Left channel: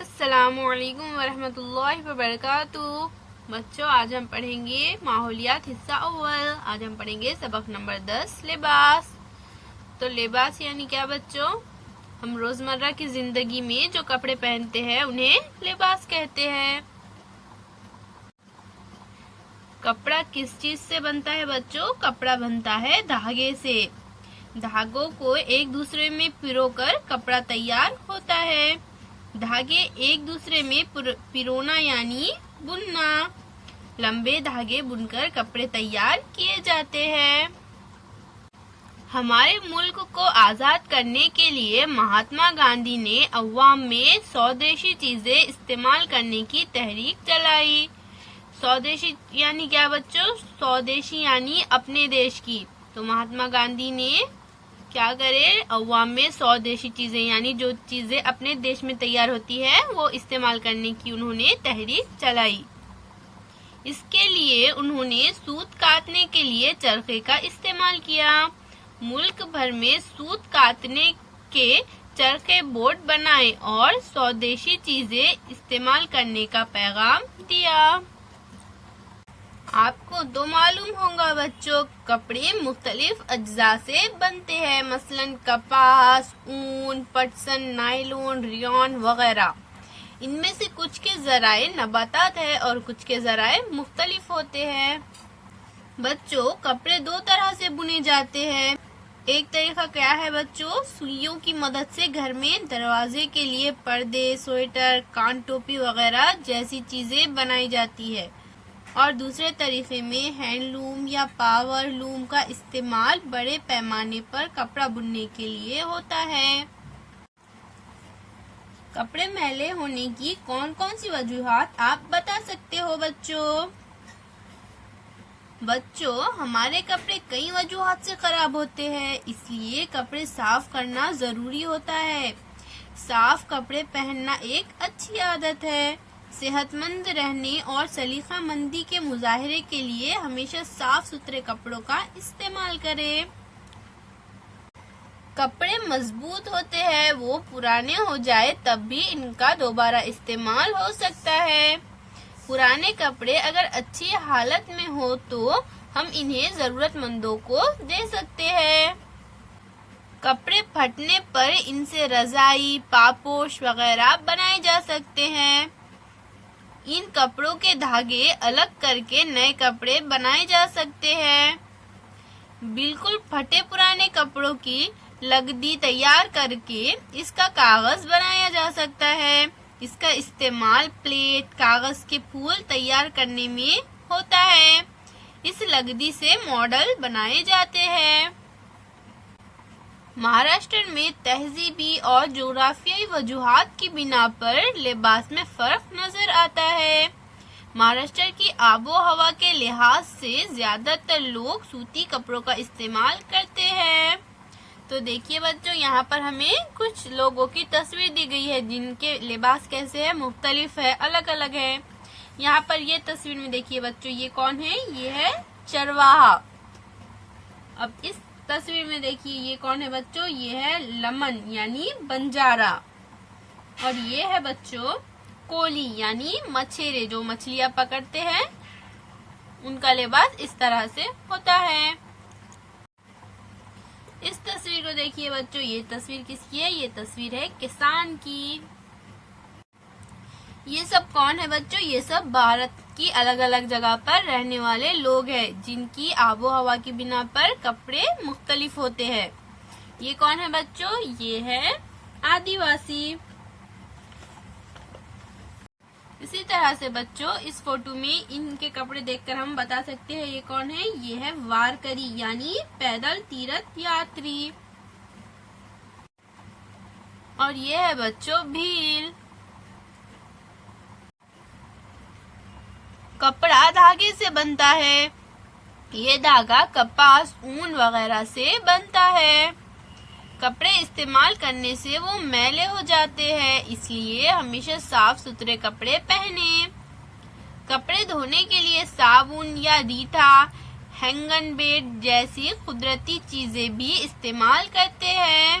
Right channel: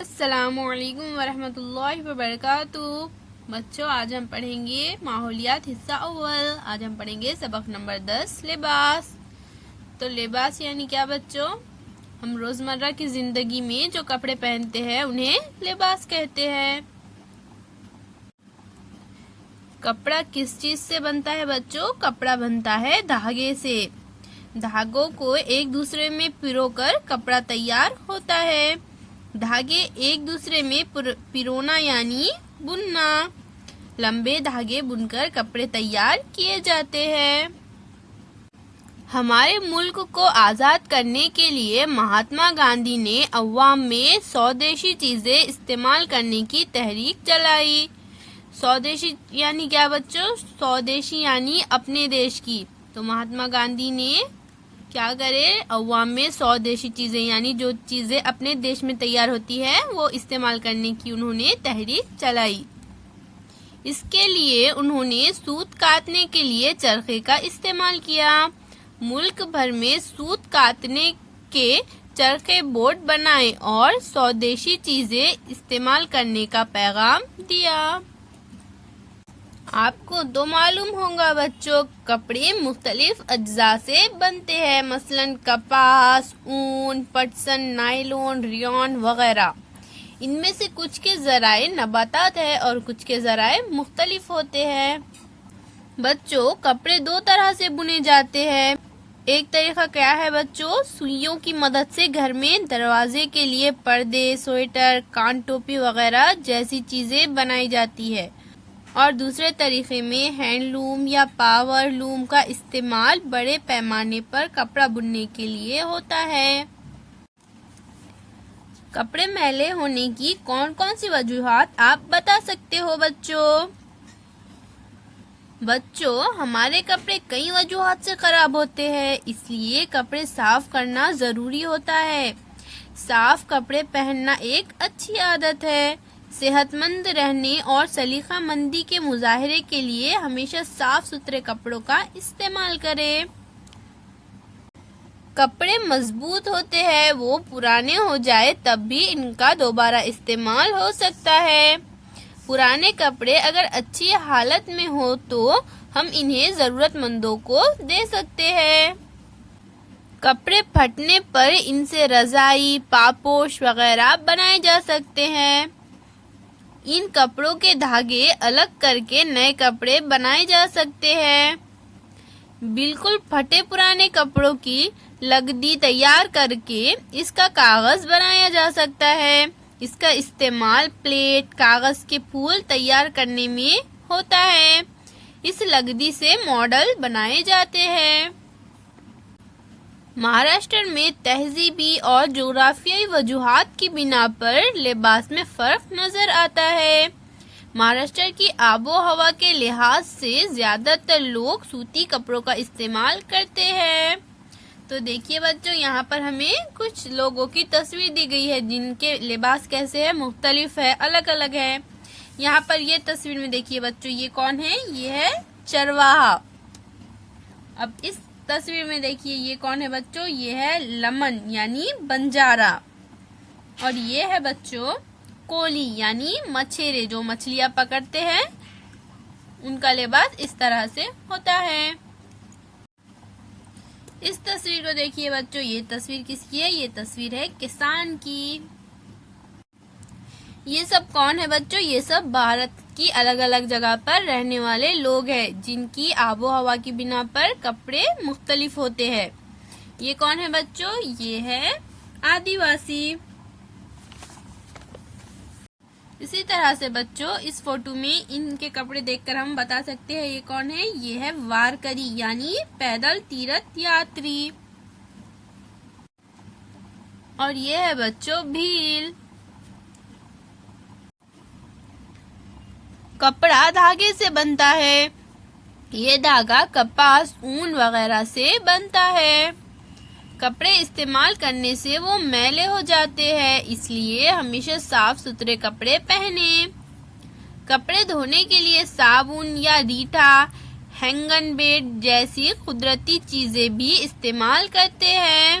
السلام علیکم ورحمۃ اللہ وبرکاتہ۔ بچوں آج ہم پڑھیں گے ماحولیات حصہ اول۔ آج ہم پڑھیں گے سبق نمبر 10 لباس۔ تو لباس یعنی کیا بچوں؟ ہم روزمرہ کی زندگی میں جو کپڑے پہنتے ہیں انہیں لباس کہتے ہیں۔ کپڑا کس چیز سے بنتا ہے بچوں؟ کپڑا بنتا ہے دھاگے سے۔ دھاگوں کو ایک دوسرے میں پرو کر کپڑا تیار ہوتا ہے۔ دھاگے ایک دوسرے میں پرونا یعنی بننا۔ لمبے دھاگے بن کر کپڑے تیار کیے جاتے ہیں۔ ہمارے ملک کو آزاد کرنے کے لیے مہاتما گاندھی نے عوام میں سودیشی چیزیں استعمال کرنے کی تحریک چلائی۔ سودیشی یعنی کیا بچوں؟ سودیشی یعنی اپنے دیش کی۔ تو مہاتما گاندھی نے کیا کرے؟ عوام میں سودیشی چیزیں یعنی جو چیزیں اپنے دیش میں تیار ہوتی ہے وہ استعمال کرنے کی انہوں نے تحریک چلائی۔ اس کے لیے انہوں نے سوت کاٹنے کے لیے چرخے کا استعمال کیا۔ ملک بھر میں سوت کاٹنے کے چرخے بورڈ بنائے اور سودیشی چیزیں استعمال کرنے کا پیغام دیا۔ آپ کو تو معلوم ہوگا بچوں، کپڑے مختلف اجزاء سے بنتے ہیں، مثلا کپاس، اون، پٹسن، نائلون، ریون وغیرہ۔ ان میں سے کچھ کے ذرائع نباتات ہیں اور کچھ کے ذرائع مختلف ہوتے ہیں۔ بچوں کپڑے دو طرح سے بنے جاتے ہیں۔ ایک طریقہ کیا ہے بچوں؟ سوئیوں کی مدد سے گھر میں دروازے کے لیے پردے، سویٹر، کان ٹوپی وغیرہ جیسی چیزیں بنائی جاتی ہے، اور دوسرے طریقے میں ہینڈ لوم یا پاور لوم کا استعمال بڑے پیمانے پر کپڑا بننے کے لیے ہوتا ہے۔ کپڑے میلے ہونے کی کون کون سی وجوہات آپ بتا سکتے ہو بچوں؟ بچوں ہمارے کپڑے کئی وجوہات سے خراب ہوتے ہیں، اس لیے کپڑے صاف کرنا ضروری ہوتا ہے۔ صاف کپڑے پہننا ایک اچھی عادت ہے۔ صحت مند رہنے اور سلیقہ مندی کے مظاہرے کے لیے ہمیشہ صاف ستھرے کپڑوں کا استعمال کریں۔ کپڑے مضبوط ہوتے ہیں، وہ پرانے ہو جائے تب بھی ان کا دوبارہ استعمال ہو سکتا ہے۔ پرانے کپڑے اگر اچھی حالت میں ہو تو ہم انہیں ضرورت مندوں کو دے سکتے ہیں۔ کپڑے پھٹنے پر ان سے رضائی، پاپوش وغیرہ بنائے جا سکتے ہیں۔ ان کپڑوں کے دھاگے الگ کر کے نئے کپڑے بنائے جا سکتے ہیں۔ بالکل پھٹے پرانے کپڑوں کی لگدی تیار کر کے اس کا کاغذ بنایا جا سکتا ہے۔ اس کا استعمال پلیٹ، کاغذ کے پھول تیار کرنے میں ہوتا ہے۔ اس لگدی سے ماڈل بنائے جاتے ہیں۔ مہاراشٹر میں تہذیبی اور جغرافیائی وجوہات کی بنا پر لباس میں فرق نظر آتا ہے۔ مہاراشٹر کی آب و ہوا کے لحاظ سے زیادہ تر لوگ سوتی کپڑوں کا استعمال کرتے ہیں۔ تو دیکھیے بچوں، یہاں پر ہمیں کچھ لوگوں کی تصویر دی گئی ہے جن کے لباس کیسے ہے، مختلف ہے، الگ الگ ہے۔ یہاں پر یہ تصویر میں دیکھیے بچوں، یہ کون ہے؟ یہ ہے چرواہا۔ اب اس تصویر میں دیکھیے یہ کون ہے بچوں؟ یہ ہے لمن یعنی بنجارا، اور یہ ہے بچوں کولی یعنی مچھیرے جو مچھلیاں پکڑتے ہیں، ان کا لباس اس طرح سے ہوتا ہے۔ اس تصویر کو دیکھیے بچوں، یہ تصویر کس کی ہے؟ یہ تصویر ہے کسان کی۔ یہ سب کون ہے بچوں؟ یہ سب بھارت کی الگ الگ جگہ پر رہنے والے لوگ ہیں جن کی آب و ہوا کی بنا پر کپڑے مختلف ہوتے ہیں۔ یہ کون ہے بچوں؟ یہ ہے آدیواسی۔ اسی طرح سے بچوں اس فوٹو میں ان کے کپڑے دیکھ کر ہم بتا سکتے ہیں یہ کون ہے؟ یہ ہے وارکری یعنی پیدل تیرتھ یاتری، اور یہ ہے بچوں بھیل۔ کپڑا دھاگے سے بنتا ہے۔ یہ دھاگا کپاس، اون وغیرہ سے بنتا ہے۔ کپڑے استعمال کرنے سے وہ میلے ہو جاتے ہیں، اس لیے ہمیشہ صاف ستھرے کپڑے پہنیں۔ کپڑے دھونے کے لیے صابن یا ریٹھا، ہینگن بیٹ جیسی قدرتی چیزیں بھی استعمال کرتے ہیں۔